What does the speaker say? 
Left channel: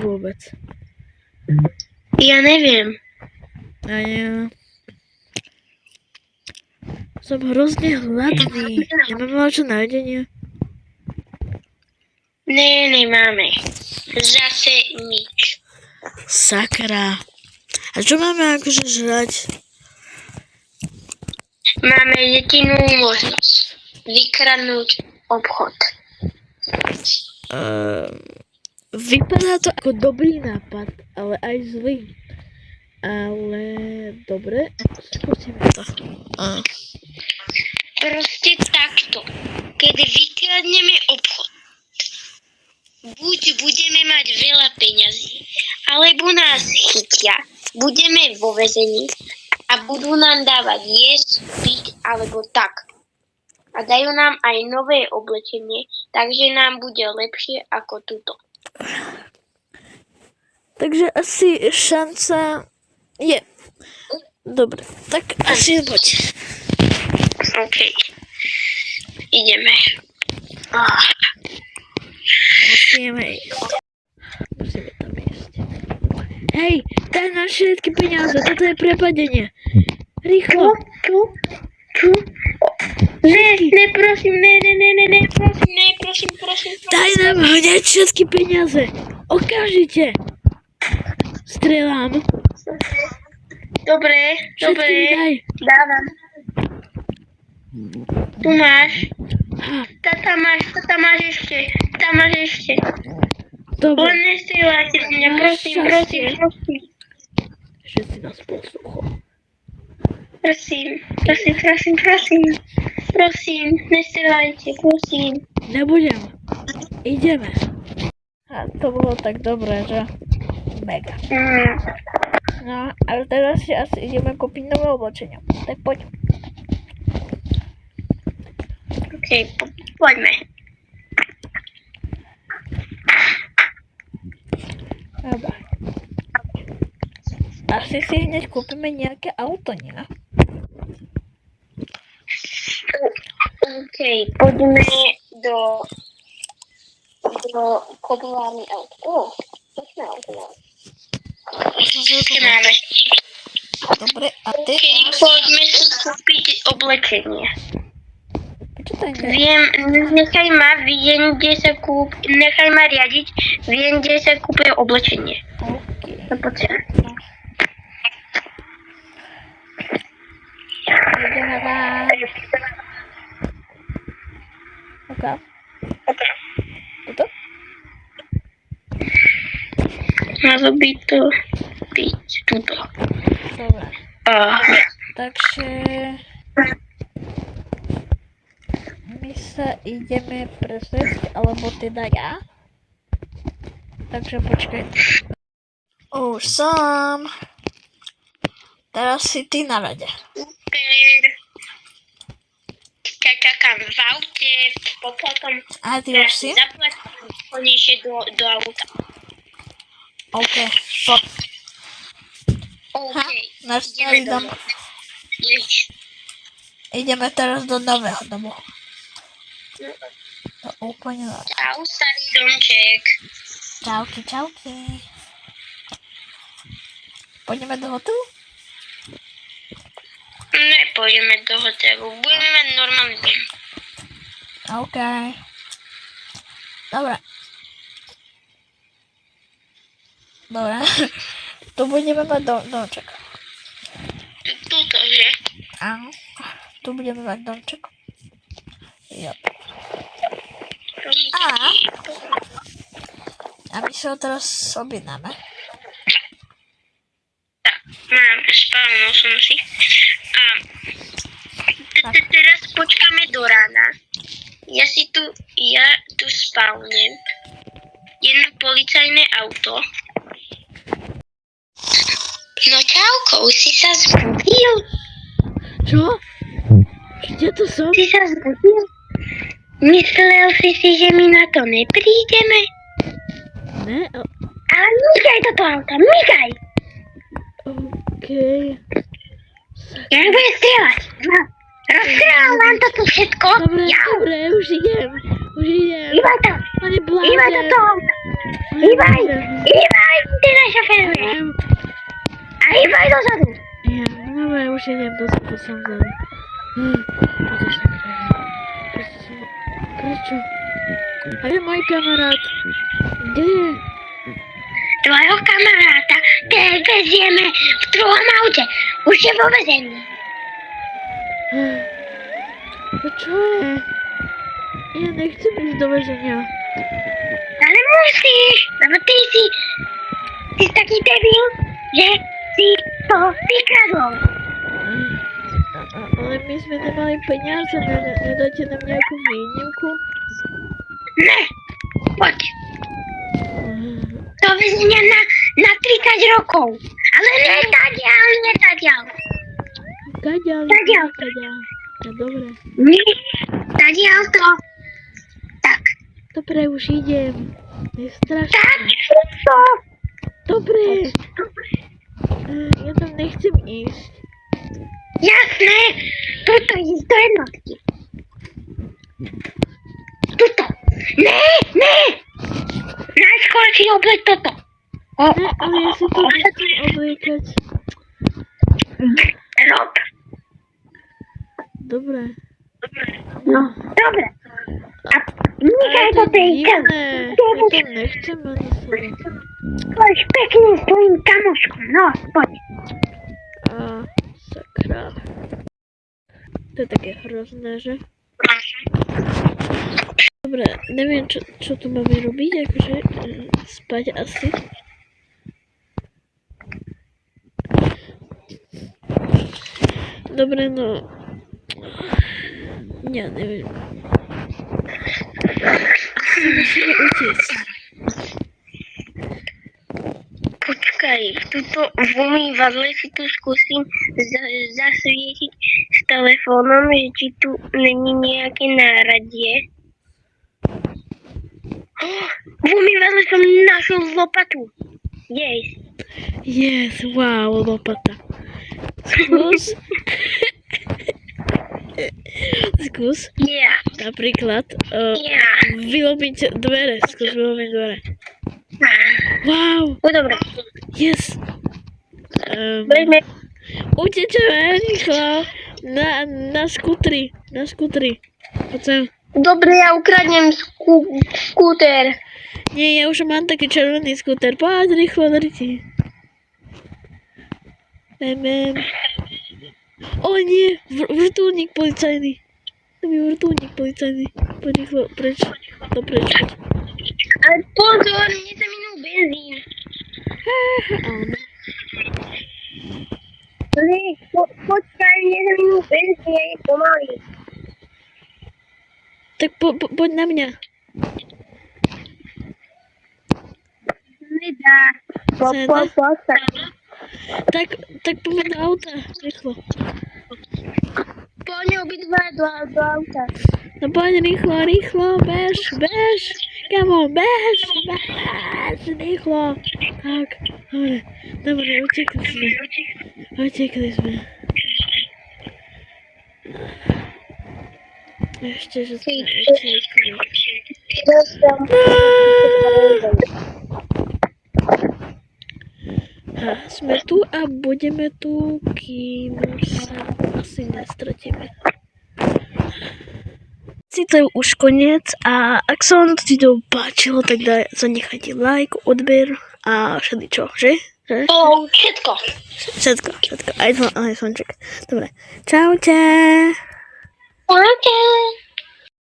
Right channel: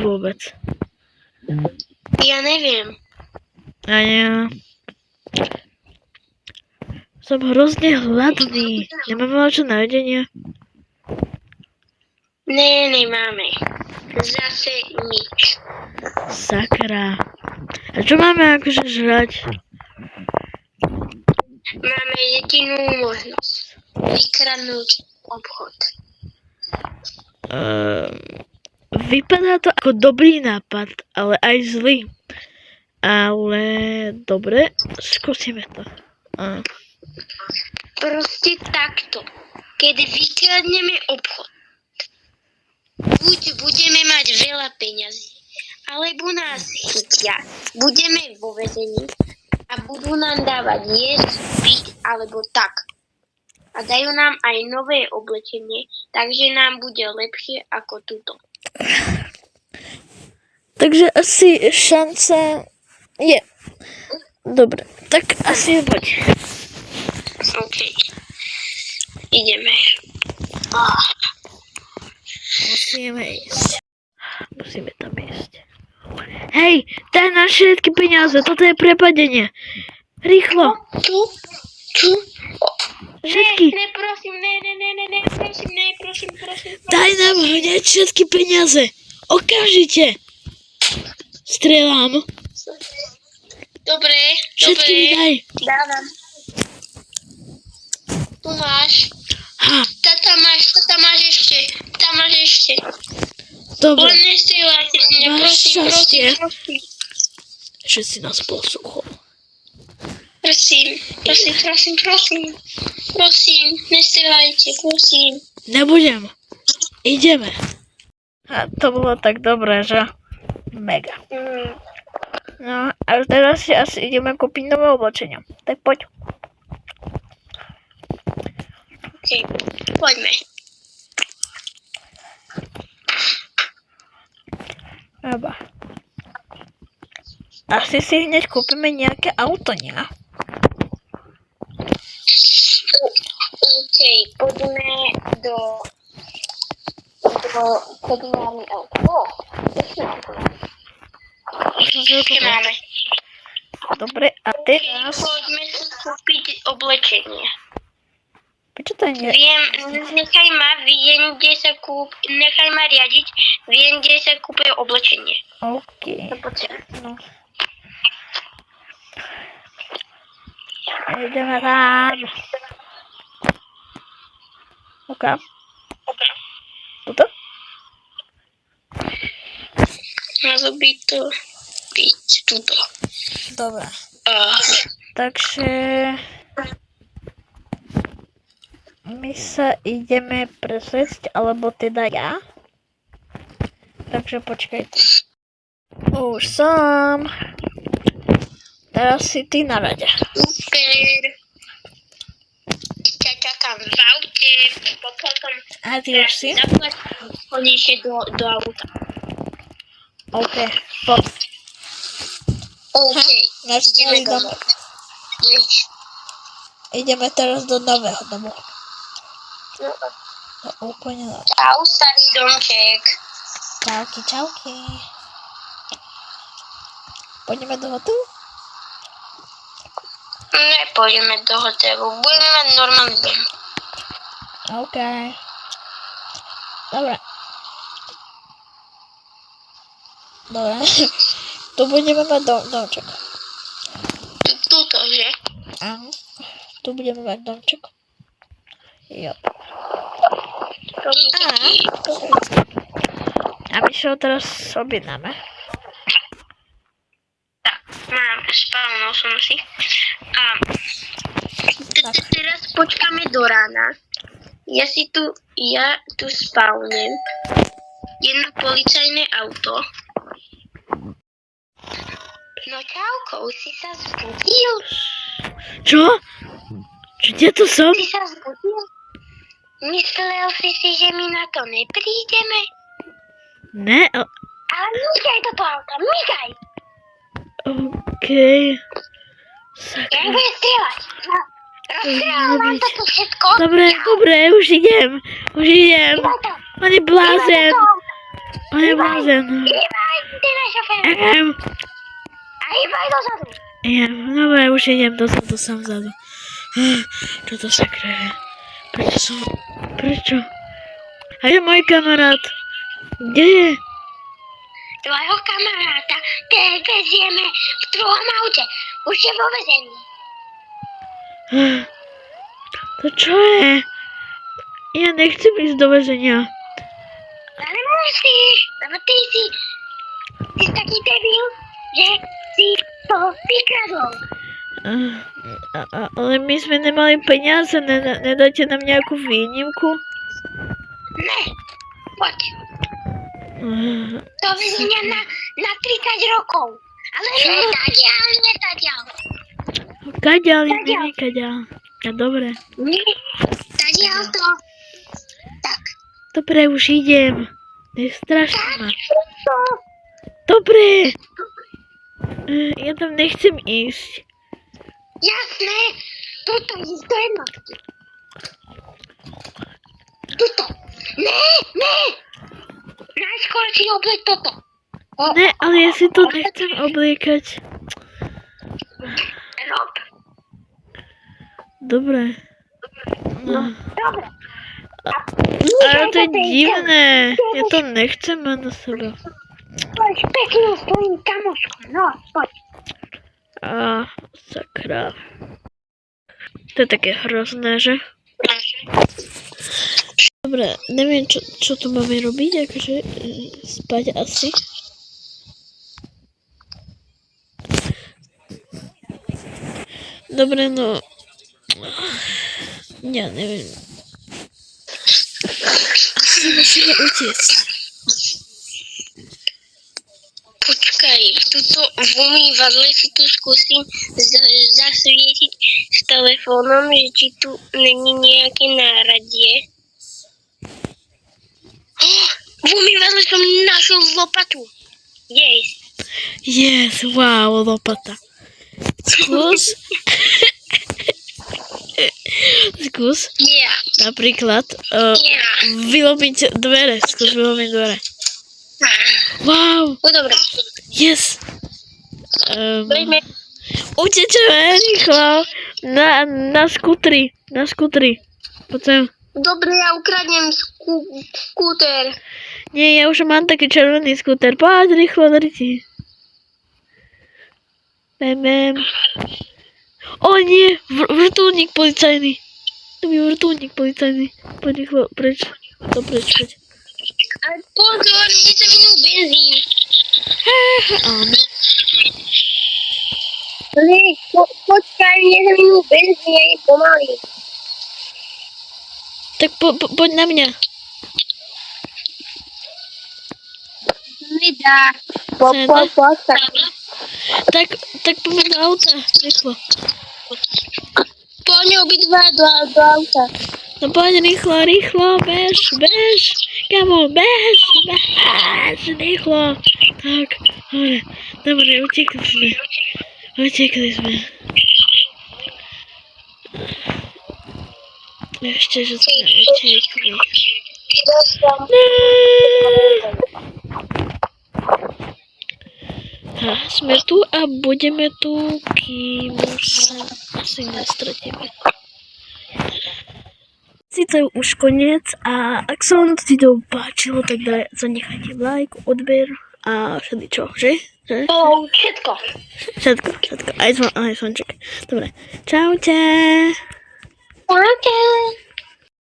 vôbec. Ja neviem. A ja... Som hrozne hladný. Nemáme čo na jedenie? Ne, nemáme. Zase nič. Sakra. A čo máme akože žrať? Máme jedinú možnosť. Vykradnúť obchod. Vypadá to ako dobrý nápad, ale aj zlý. Ale dobre, skúsime to. Proste takto. Keď vykradneme obchod, buď budeme mať veľa peňazí, alebo nás chytia, budeme vo väzení a budú nám dávať jesť, piť alebo tak. A dajú nám aj nové oblečenie, takže nám bude lepšie ako tuto. Takže asi šanca je. Dobre, tak asi poď. OK. Ideme. Musíme ísť. Musíme tam ísť. Hej, daj nám všetky peniaze, toto je prepadenie. Rýchlo. Tu. Všetky. Prosím, prosím. Daj nám hneď všetky peniaze. Okamžite. Strelám. Dobre. Všetky mi daj. Dávam. Tu máš. Ha, Tam máš ešte. dobre. Len nestrieľajte mňa, Máš šťastie. prosím. Že si nás posluchol. Prosím, nestrieľajte, prosím. Nebudem. Ideme. A to bolo tak dobré, že? Mega. No, a teraz si asi ideme kúpiť nové oblečenia. Tak poď. OK, poďme. Eba. Asi si hneď kúpime nejaké auto, nie? OK, poďme do koprovárny auto. Pekné auto. Ešte máme. Dobre, a teraz... Poďme si kúpiť oblečenie. Prečo to nie? Nechaj ma riadiť, viem, kde sa kúpuje oblečenie. OK. To potrebujem. No. Ideme tam. OK. Toto? Malo by to byť tuto. Dobre. Takže... My sa ideme presvedť, alebo teda ja. Takže počkajte. Už som. Teraz si ty na rade. Super. Čakám v aute, potom A ty už si? zaplatím konečne do auta. OK. Poď. OK, Náš starý dom. Ideme teraz do nového domu. To úplne dobré. Čau, starý domček. Čauky. Pôjdeme do hotelu? Nepôjdeme do hotelu, budeme mať normálny deň. OK. Dobre. Tu budeme mať domček. Tuto, že? Áno. Tu budeme mať domček. Jo. A my sa ho teraz objednáme. Mám, spálnul som si. A teraz počkáme do rána. Ja tu spálnem. Jedno policajné auto. No čauko, už si sa zbudil? Čo? Kde tu som? Si sa zbudil? Myslel si, že my na to neprídeme? Ne, Ale mykaj do toho auta, mykaj! OK. Ja nebudem strieľať. No, rozstrieľam vám toto všetko. Dobre, už idem. Iba to. On je blázen. A ja môžem. Ivaj, ty na šofér. A Ivaj dozadu. Dobre, už idem dozadu, som vzadu. Čo to sakra je? Prečo? A je môj kamarát. Kde je? Tvojho kamaráta te vezieme v druhom aute. Už je vo vezení. To čo je? Ja nechcem ísť do väzenia. Ale musíš, lebo ty si taký debil, že si to vykradol. Ale my sme nemali peniaze, nedáte nám nejakú výnimku? Ne, poď. Do väzenia na 30 rokov. Ale netadiaľ. Kaďal. Ja, dobre. Tadiaľ to. Tak. Dobre, už idem. Nestraš Tak, ma. to. Dobre. Ja tam nechcem ísť. Jasné. Tuto ísť do jednotky. Tuto. Ne. Najskôr si obleť toto. Ne, ale ja si to nechcem obliekať. Rob. Dobre. No, dobre. Ale to je divné. Ja to nechcem mať na sebe. Poď pekne s tvojim kamoškom. No, poď. Sakra. To je také hrozné, že? Dobre, neviem, čo tu máme robiť, akože spať asi. Dobre, no... Ja neviem. Asi musíme utiecť. Počkaj, tuto v umývadle si tu skúsim zasvietiť s telefónom, že či tu není nejaké náradie. V umývadle som našiel lopatu. Yes, wow, lopata. Skús. Yeah. Napríklad Yeah. vylomiť dvere. Skús vylomiť dvere. Wow, No dobre. yes. Poďme. Utečeme rýchlo na skutri. Poď sem. Dobre, ja ukradnem skúter. Nie, ja už mám taký červený skúter. Poď rýchlo, drti. Bem. O nie, vrtuľník policajný. To je vrtuľník policajný. Poď rýchlo, preč. To preč, poď. Ale pozor, mne sa minul benzín. Áno. Počkaj, mne sa minul benzín, ja je pomaly. Tak poď na mňa. Nedá. Tak poď do auta, rýchlo. Poďme obidva do auta. No poď rýchlo, bež. Come on, bež, rýchlo. Tak, dobre, utekli sme. Ešte, že sme utekli. Sme tu a budeme tu, kým sa asi nestratíme. To je už koniec a ak sa vám to video páčilo, tak zanechajte like, odber a všeličo, že? Všetko. Všetko. Aj zvonček. Dobre. Čaute. Čaute.